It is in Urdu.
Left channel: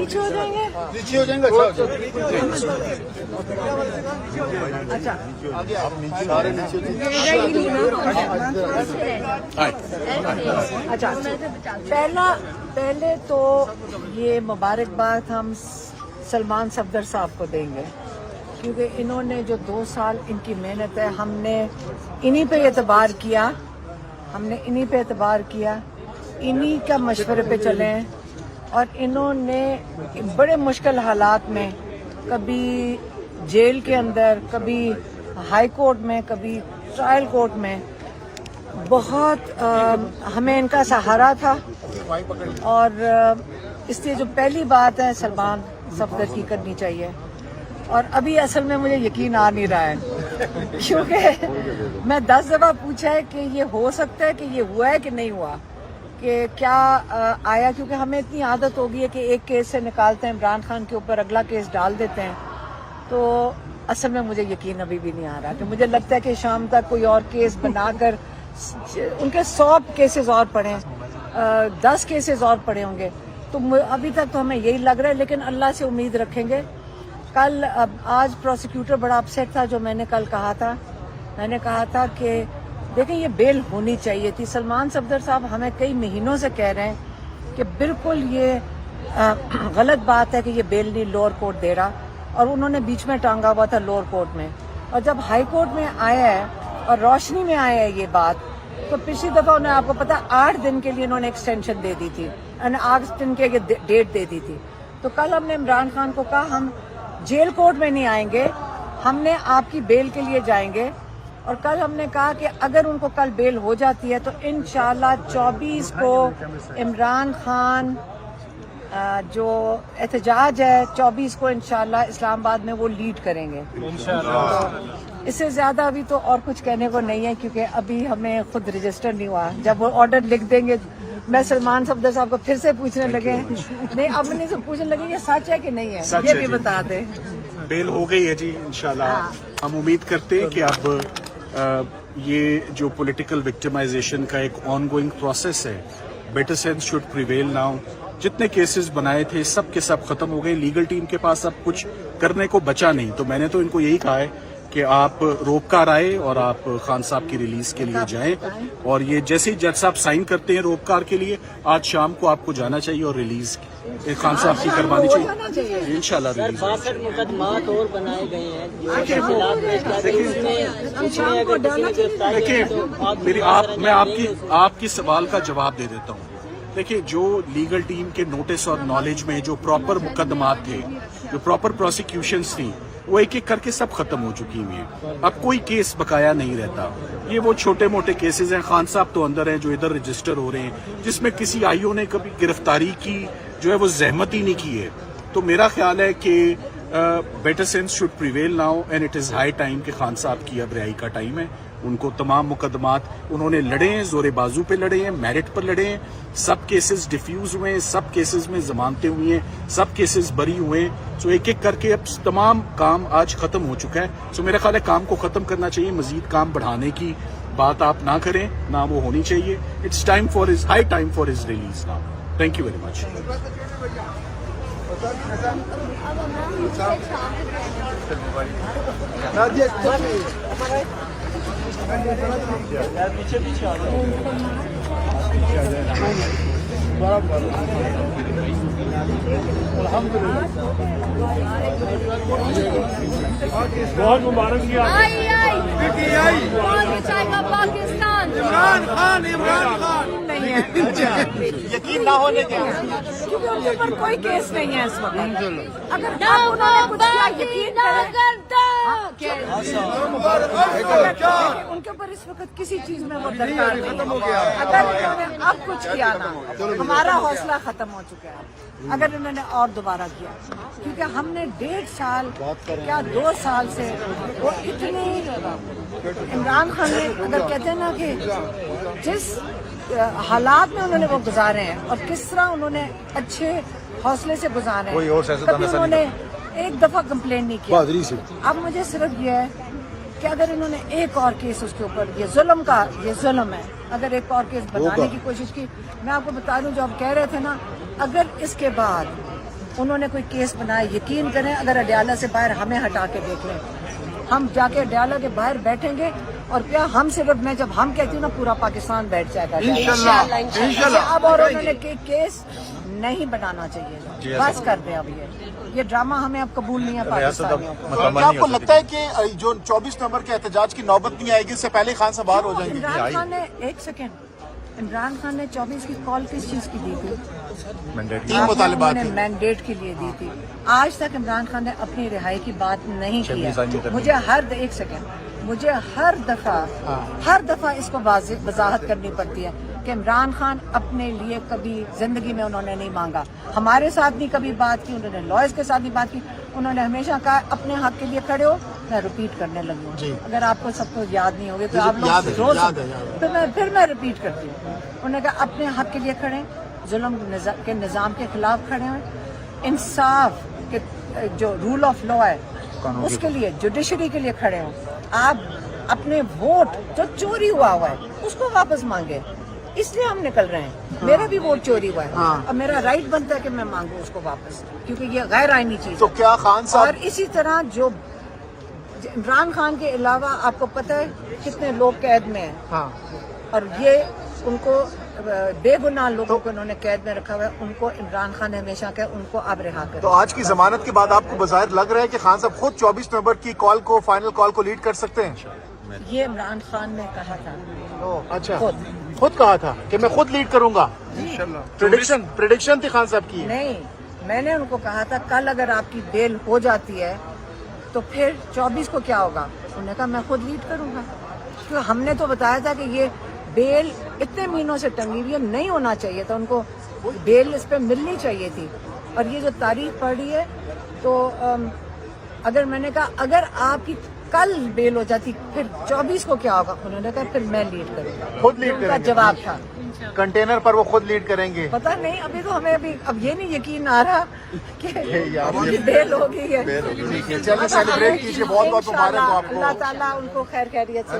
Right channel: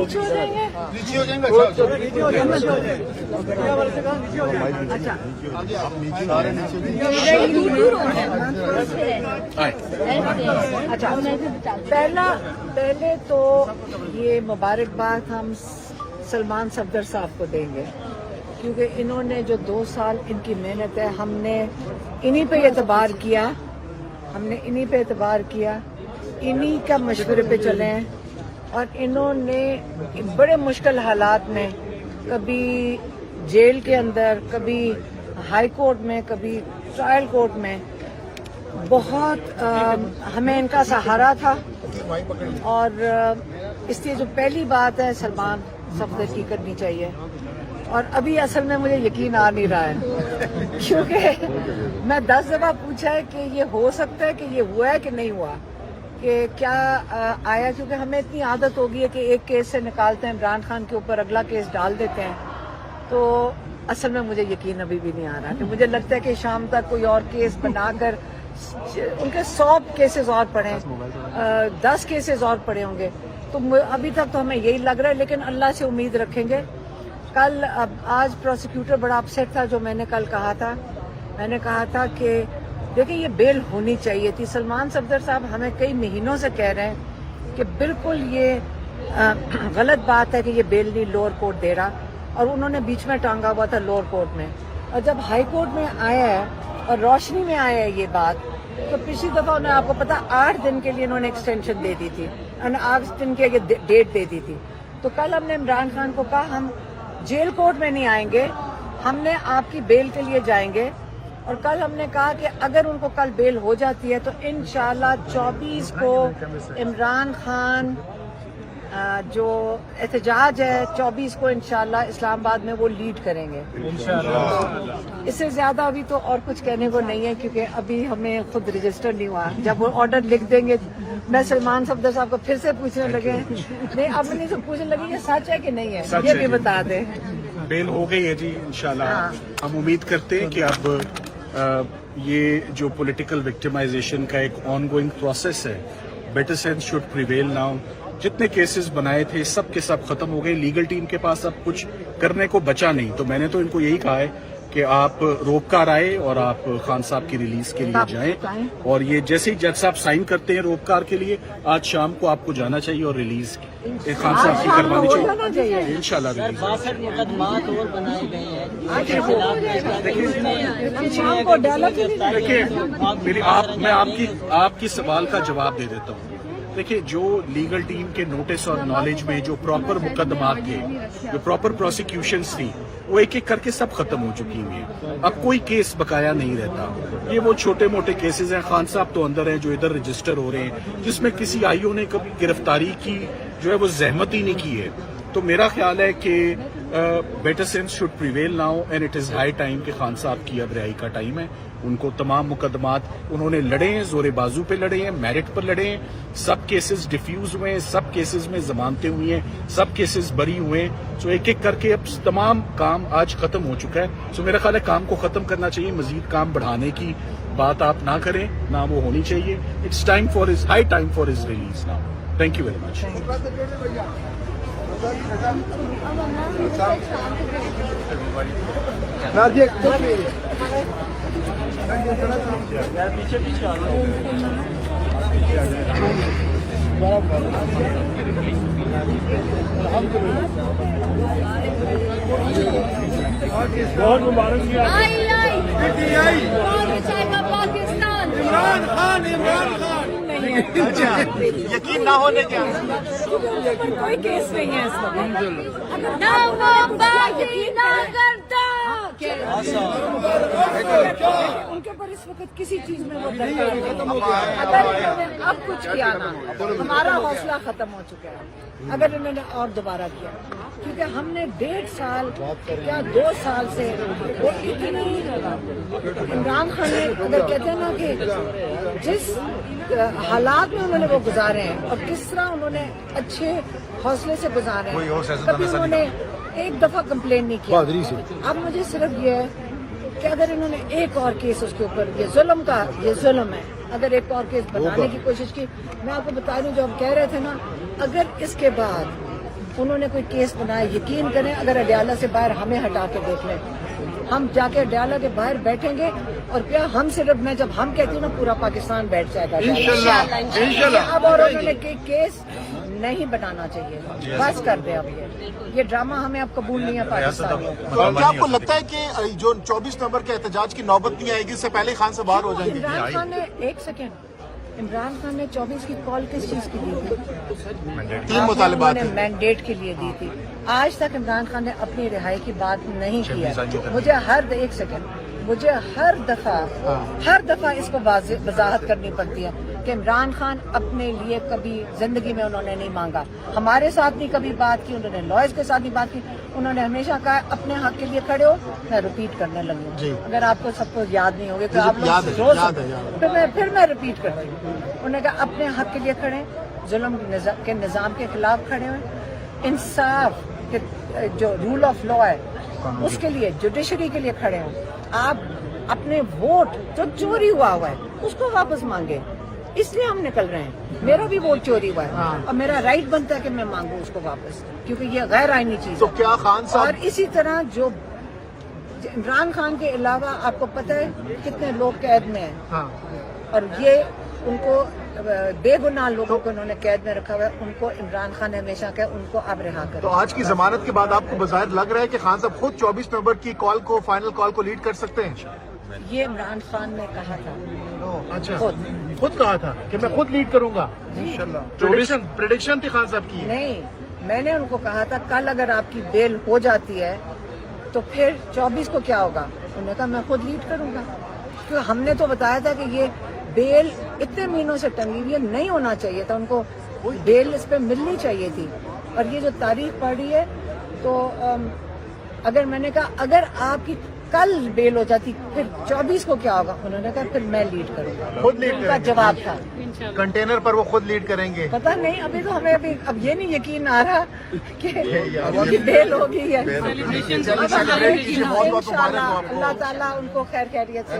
پیچھے ہو جائیں گے. اچھا پہلے تو یہ مبارکباد ہم سلمان صفدر صاحب کو دیں گے، کیونکہ انہوں نے جو 2 سال ان کی محنت ہے، ہم نے انہی پہ اعتبار کیا، انہی کا مشورے پہ چلے ہیں، اور انہوں نے بڑے مشکل حالات میں، کبھی جیل کے اندر، کبھی ہائی کورٹ میں، کبھی ٹرائل کورٹ میں، بہت ہمیں ان کا سہارا تھا. اور اس لیے جو پہلی بات ہے سلمان صفدر کی کرنی چاہیے. اور ابھی اصل میں مجھے یقین آ نہیں رہا ہے، کیونکہ میں 10 دفعہ پوچھا ہے کہ یہ ہو سکتا ہے کہ یہ ہوا ہے کہ نہیں ہوا، کہ کیا آیا، کیونکہ ہمیں اتنی عادت ہو گئی ہے کہ ایک کیس سے نکالتے ہیں عمران خان کے اوپر، اگلا کیس ڈال دیتے ہیں. تو اصل میں مجھے یقین ابھی بھی نہیں آ رہا، کہ مجھے لگتا ہے کہ شام تک کوئی اور کیس بنا کر ان کے 100 کیسز اور پڑے، 10 کیسز اور پڑے ہوں گے. تو ابھی تک تو ہمیں یہی لگ رہا ہے، لیکن اللہ سے امید رکھیں گے. آج پروسیکیوٹر بڑا اپسیٹ تھا، جو میں نے کل کہا تھا کہ دیکھیں یہ بیل ہونی چاہیے تھی. سلمان صفدر صاحب ہمیں کئی مہینوں سے کہہ رہے ہیں کہ بالکل یہ غلط بات ہے کہ یہ بیل نہیں لوور کورٹ دے رہا، اور انہوں نے بیچ میں ٹانگا ہوا تھا لوور کورٹ میں. اور جب ہائی کورٹ میں آیا ہے اور روشنی میں آیا ہے یہ بات، تو پچھلی دفعہ انہیں آپ کو پتا 8 دن کے لیے انہوں نے ایکسٹینشن دے دی تھی، 8 دن کے ڈیٹ دے دی تھی. تو کل ہم نے عمران خان کو کہا ہم جیل کورٹ میں نہیں آئیں گے، ہم نے آپ کی بیل کے لیے جائیں گے. اور کل ہم نے کہا کہ اگر ان کو کل بیل ہو جاتی ہے تو انشاءاللہ 24 کو عمران خان جو احتجاج ہے 24 کو انشاءاللہ اسلام آباد میں وہ لیڈ کریں گے. اس سے زیادہ ابھی تو اور کچھ کہنے کو نہیں ہے، کیونکہ ابھی ہمیں خود رجسٹر نہیں ہوا. جب وہ آرڈر لکھ دیں گے میں سلمان صفدر صاحب کو پھر سے پوچھنے لگے، نہیں اب سے پوچھنے لگے یہ سچ ہے کہ نہیں ہے، یہ بھی بتا دیں. بیل ہو گئی ہے جی انشاءاللہ. ہم امید کرتے ہیں کہ اب یہ جو پولیٹیکل وکٹمائزیشن کا ایک آن گوئنگ پروسیس ہے، better sense should prevail now. جتنے کیسز بنائے تھے سب کے سب ختم ہو گئے. لیگل ٹیم کے پاس اب کچھ کرنے کو بچا نہیں. تو میں نے تو ان کو یہی کہا ہے کہ آپ روک کار آئے اور آپ خان صاحب کی ریلیز کے لیے جائیں، اور یہ جیسے ہی جج صاحب سائن کرتے ہیں روک کار کے لیے، آج شام کو آپ کو جانا چاہیے اور ریلیز خان صاحب کی کروانی چاہیے. انشاءاللہ ریلیز. 62 مقدمات اور بنائے گئے ہیں. دیکھیے میں آپ کے سوال کا جواب دے دیتا ہوں. دیکھیں جو لیگل ٹیم کے نوٹس اور نالج میں جو پراپر مقدمات تھے، جو پراپر پروسیکیوشنز تھی، وہ ایک ایک کر کے سب ختم ہو چکی ہوئی ہیں. اب کوئی کیس بقایا نہیں رہتا. یہ وہ چھوٹے موٹے کیسز ہیں، خان صاحب تو اندر ہیں جو ادھر رجسٹر ہو رہے ہیں، جس میں کسی آئی او نے کبھی گرفتاری کی جو ہے وہ زحمت ہی نہیں کی ہے. تو میرا خیال ہے کہ better sense should prevail now and it is high time کہ خان صاحب کی اب رہائی کا ٹائم ہے. ان کو تمام مقدمات انہوں نے لڑے ہیں، زور بازو پہ لڑے ہیں، میرٹ پر لڑے ہیں. سب کیسز ڈیفیوز ہوئے ہیں، سب کیسز میں ضمانتیں ہوئی ہیں، سب کیسز بری ہوئے ہیں. سو ایک ایک کر کے اب تمام کام آج ختم ہو چکا ہے. سو میرا خیال ہے کام کو ختم کرنا چاہیے. مزید کام بڑھانے کی بات آپ نہ کریں، نہ وہ ہونی چاہیے. It's time for his high time for his release now. Thank you very much. بہت مبارک کیا پاکستان. عمران خان یقین نہ ہونے کے اوپر کوئی کیس نہیں ہے اس وقت. اگر انہوں نے کچھ کیا یقین ان کے اوپر اس وقت کسی چیز میں وہ درکار ختم ہو گیا. اگر انہوں نے اب کچھ کیا نا، ہمارا حوصلہ ختم ہو چکا ہے. اگر انہوں نے اور دوبارہ کیا، کیونکہ ہم نے 1.5 سال کیا 2 سال سے وہ اتنی عمران خان نے اگر کہتے ہیں نا کہ جس حالات میں انہوں نے وہ گزارے ہیں اور کس طرح انہوں نے اچھے حوصلے سے گزارے ہیں، کبھی انہوں نے ایک دفعہ کمپلین نہیں کیا. اب مجھے صرف یہ ہے کہ اگر انہوں نے ایک اور کیس اس کے اوپر، یہ ظلم ہے، اگر ایک اور کیس بنانے کی کوشش کی. میں آپ کو بتا دوں جو ہم کہہ رہے تھے نا، اگر اس کے بعد انہوں نے کوئی کیس بنایا، یقین کریں اگر اڈیالہ سے باہر ہمیں ہٹا کے دیکھ لیں، ہم جا کے اڈیالہ کے باہر بیٹھیں گے اور کیا ہم صرف میں جب ہم کہتی ہوں نا پورا پاکستان بیٹھ جائے گا اب، اور انہوں نے کیس نہیں بنانا چاہیے، بس کر دیں اب یہ ڈرامہ ہمیں اب قبول نہیں ہے پاکستان میں۔ کیا آپ کو لگتا ہے کہ جو 24 نومبر کے احتجاج کی نوبت نہیں آئے گی، اس سے پہلے خان صاحب باہر ہو جائیں گے؟ عمران خان نے ایک سیکنڈ، عمران خان نے 24 کی کال کس چیز کی دی تھی؟ 3 مطالبات انہوں نے مینڈیٹ کے لیے دی تھی۔ آج تک عمران خان نے اپنی رہائی کی بات نہیں کیا۔ مجھے ایک سیکنڈ، مجھے ہر دفعہ اس کو وضاحت کرنی پڑتی ہے کہ عمران خان اپنے لیے کبھی زندگی میں انہوں نے نہیں مانگا، ہمارے ساتھ نہیں کبھی بات کی، انہوں نے لائرز کے ساتھ نہیں بات کی، انہوں نے ہمیشہ کہا اپنے حق کے لیے کھڑے ہو۔ میں ریپیٹ کرنے لگی ہوں، اگر آپ کو سب کو یاد نہیں ہوگی تو آپ پھر میں ریپیٹ کرتی ہوں۔ انہوں نے کہا اپنے حق کے لیے کھڑے، ظلم کے نظام کے خلاف کھڑے ہیں، انصاف کے جو رول آف لا ہے اس کے لیے، جوڈیشری کے لیے کھڑے ہوں۔ آپ اپنے ووٹ جو چوری ہوا ہے اس کو واپس مانگے، اس لیے ہم نکل رہے ہیں۔ میرا بھی ووٹ چوری ہوا ہے اور میرا رائٹ بنتا ہے کہ میں مانگوں اس کو واپس، کیونکہ یہ غیر آئینی چیز تو ہے۔ کیا خان اور صاحب اسی طرح جو عمران خان کے علاوہ آپ کو پتہ ہے کتنے لوگ قید میں ہیں، اور یہ ان کو بے گناہ لوگوں کو انہوں نے قید میں رکھا ہوا ہے، ان کو عمران خان نے ہمیشہ کہا ان کو اب رہا کریں۔ تو آج کی ضمانت کے بعد آپ کو بظاہر لگ رہا ہے کہ خان صاحب خود 24 نومبر کی کال کو، فائنل کال کو لیڈ کر سکتے ہیں؟ یہ عمران خان نے کہا تھا، اچھا، خود کہا تھا کہ میں خود لیڈ کروں گا، پریڈکشن تھی خان صاحب کی؟ نہیں، میں نے ان کو کہا تھا کل اگر آپ کی بیل ہو جاتی ہے تو پھر 24 کو کیا ہوگا؟ انہوں نے کہا میں خود لیڈ کروں گا، کیونکہ ہم نے تو بتایا تھا کہ یہ بیل اتنے مہینوں سے ٹنگی ہوئی ہے، نہیں ہونا چاہیے تھا، ان کو بیل اس پہ ملنی چاہیے تھی۔ اور یہ جو تاریخ پڑھی ہے تو اگر میں نے کہا اگر آپ کی کل بیل ہو جاتی پھر 24 کو کیا ہوگا؟ انہوں نے کہا پھر میں لیڈ کروں گا، خود لیڈ ان کا جواب تھا۔ کنٹینر پر وہ خود لیڈ کریں گے؟ پتہ نہیں، ابھی تو ہمیں اب یہ نہیں یقین آ رہا کہ ان کی بیل ہو گئی ہے۔ انشاءاللہ اللہ تعالیٰ ان کو خیر خیریت سے